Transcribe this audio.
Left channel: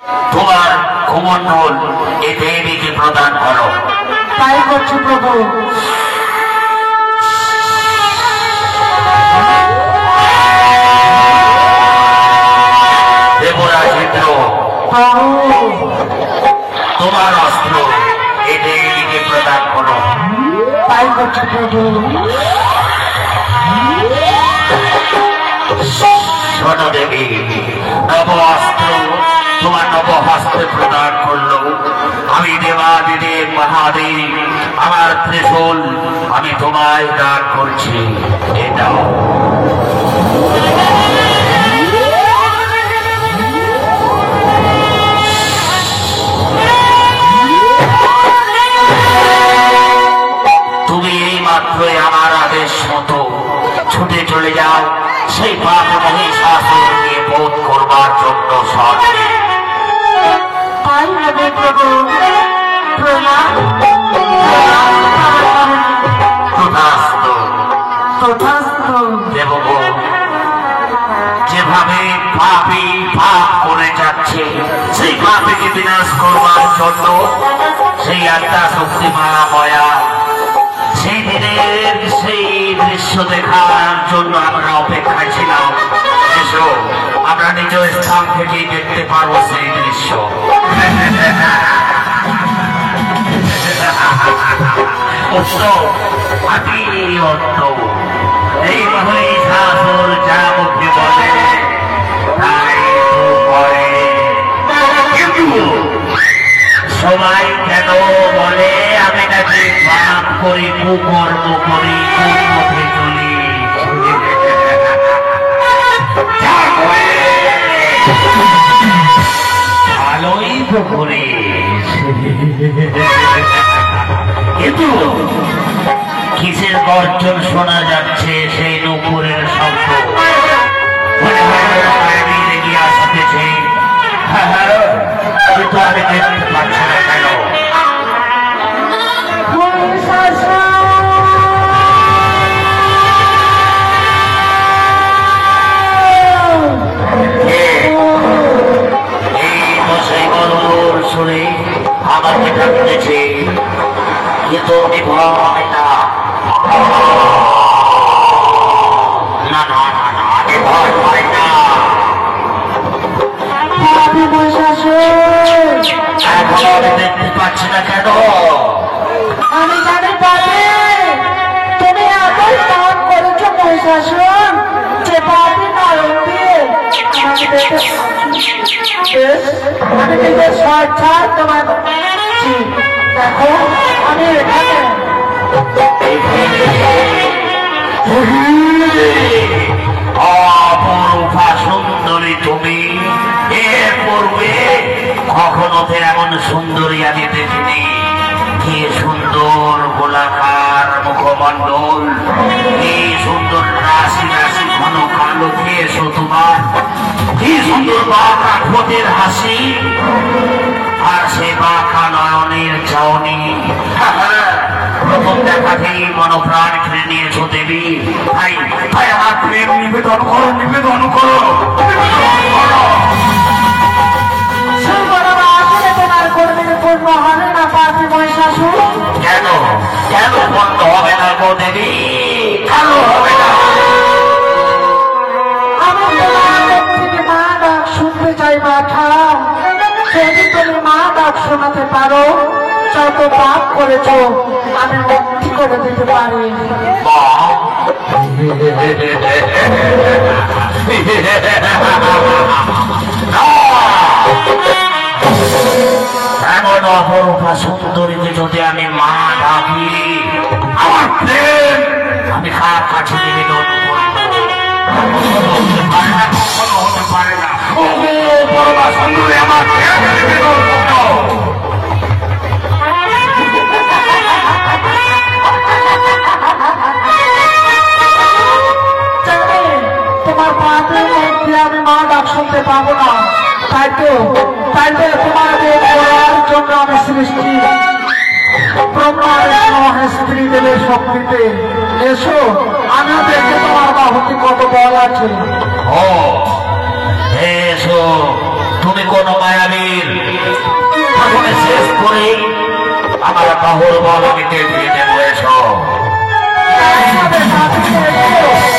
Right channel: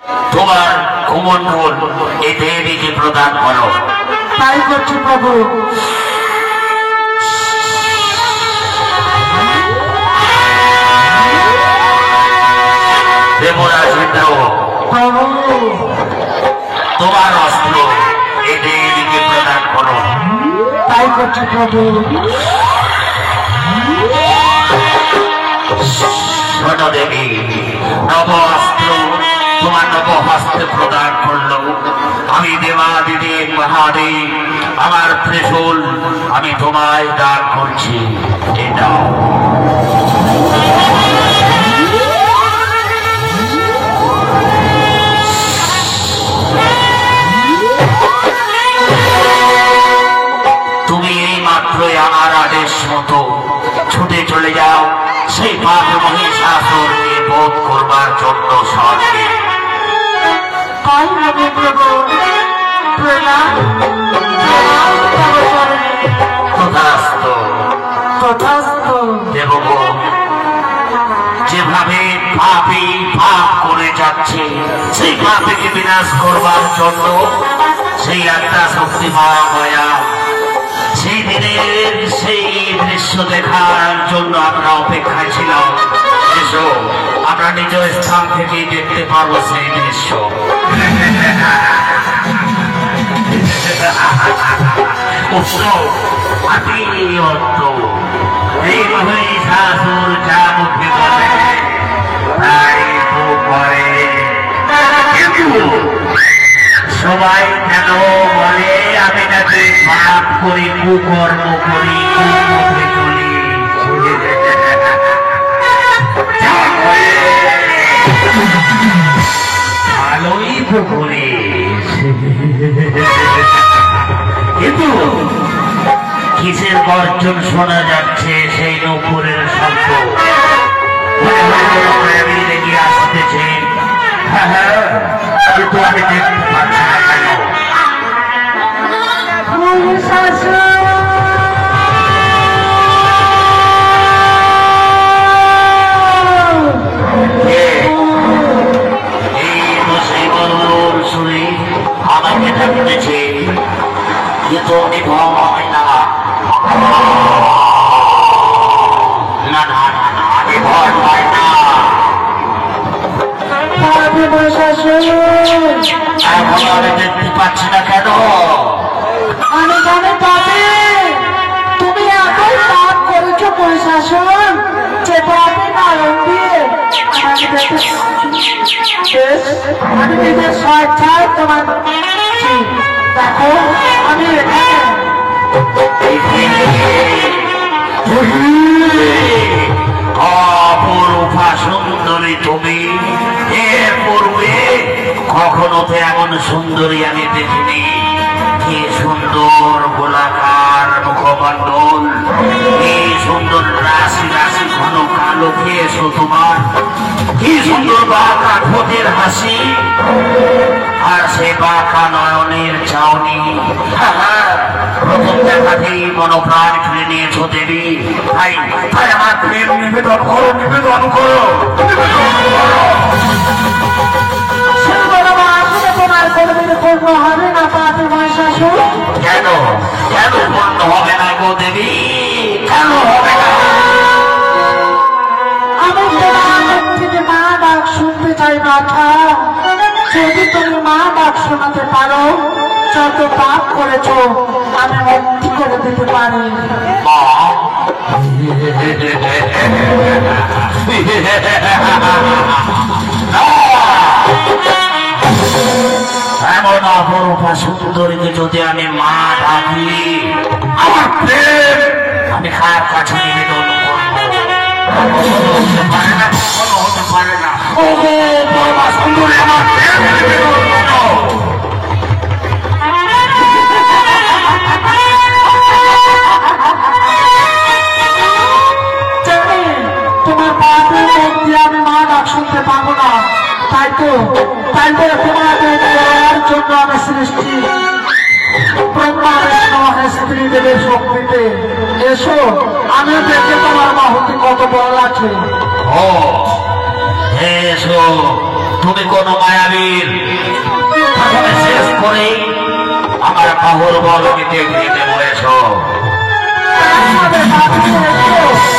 তোমার কুমণ্ডল এই দেবীকে প্রদান করো। তাই করছি প্রভু। দেবরাজ ইন্দ্র, প্রভু তোমার অস্ত্র এই দেবীকে প্রদান করো। তাই করছি প্রভু। শোনো দেবী, নব অস্ত্র তোমার নব হস্তে প্রদান করলো। আমি দেবাদিদেব মহাদেব, আমার ত্রিশূল আমি তোমায় দান করছি। এটা তুমি এই মাত্রই আমার আদেশ মতো ছুটে চলে যাও সেই পাপ মহিষাসুরকে বোধ করবার জন্য স্বর্গে। তাই হবে প্রভু। প্রণাম। তথাস্তু। তথাস্তু। দেবগণ, যেভাবে পাপী পাপ করে যাচ্ছে সেই পাপীকে বিনাশ করবার জন্য সেই একটা শক্তি মায়া, সেই দিনের সেই দৃশ্য দেখার জন্য আমরা অপেক্ষায় ছিলাম। এসো, আমরা নিজ স্থান থেকেই দেখতে পাবো সেই দৃশ্য। এই মহিষাসুর যা মুখে বলে তাই করে, কিন্তু সবাই কেন বলে আমি নাকি পাপ করি, কুকর্ম করি, কুপথে চলি। ভালোই তো করি, কিন্তু কিসের গর্জন শোনা যাচ্ছে সেই নূপুরের শব্দ? মায়াবী লেগে আসতেছে। হ্যাঁ, কিন্তু আমি দেখতে পাচ্ছি না কেন? শুনে আমাকে ডাকতেছে, কিন্তু আমি ভয় না, না না না, আমি ভয় পাই না। এখন আমি দেখতে পাচ্ছি না কেন? আমি জানি পাপি, তুমি এতই পাপ করেছো মহিষাসুর, যে পাপি নারায়ণ দিয়ে আমি নিজের স্বেচ্ছায় তোমার দেখো আমি এখানে। অপরূপা সুন্দরী তুমি, এর পূর্বে কখনো তো এমন সুন্দরী আমি দেখিনি। কি সুন্দর গোলাকার মুখমণ্ডল, কি সুন্দর রাশি রাশি ঘন কালো কেশ তোমার, কি সুন্দর বাঁকা ঠোঁটের হাসি, আর সে বাঁকা নয়নের চাউনি। প্রথম দেখাতেই মনোপ্রাণ কিনে নিয়েছো দেবী। তাই তাই আমার প্রেম নিবেদন করো, নিবেদন করো, নিবেদন করো। তোমার কর্মীর পূর্ণ হবে না পাপি মহিষাসুর? কেন কেন বন্ধ হবে না গো দেবী? কেন হবে না? আমি থেকে মা ডাক শুনতে চাই মাথা। যদি তুমি মা ডাক শোনাতে পারো, যত পাপ করেছো আমি মুক্তি করে দিতে পারি। মা, এমন অপরূপা সুন্দরীকে যদি আমি মা ডাকি, আমার প্রেম আমি কার কাছে নিবেদন করবো? হতে পারে না, কখনো হতে পারে না। ও বাবা সুন্দরী, আমার প্রেম নিবেদন করো। তোমার পাপের মধ্যে আমি মা ডাক শুনতে পাবো না। তাই তো তোমাদের করার জন্য আমি সৃষ্টি। ব্রহ্মার স্ত্রী দেবে শক্তিতে। এসো, আমি দেখে তোমার বাহুতে কত বল আছে। ও এসো, তুমি কোন মায়াবী বাহুর বল কেটে দিয়ে দেবো এসো। আমাদের বাড়িতে এসো।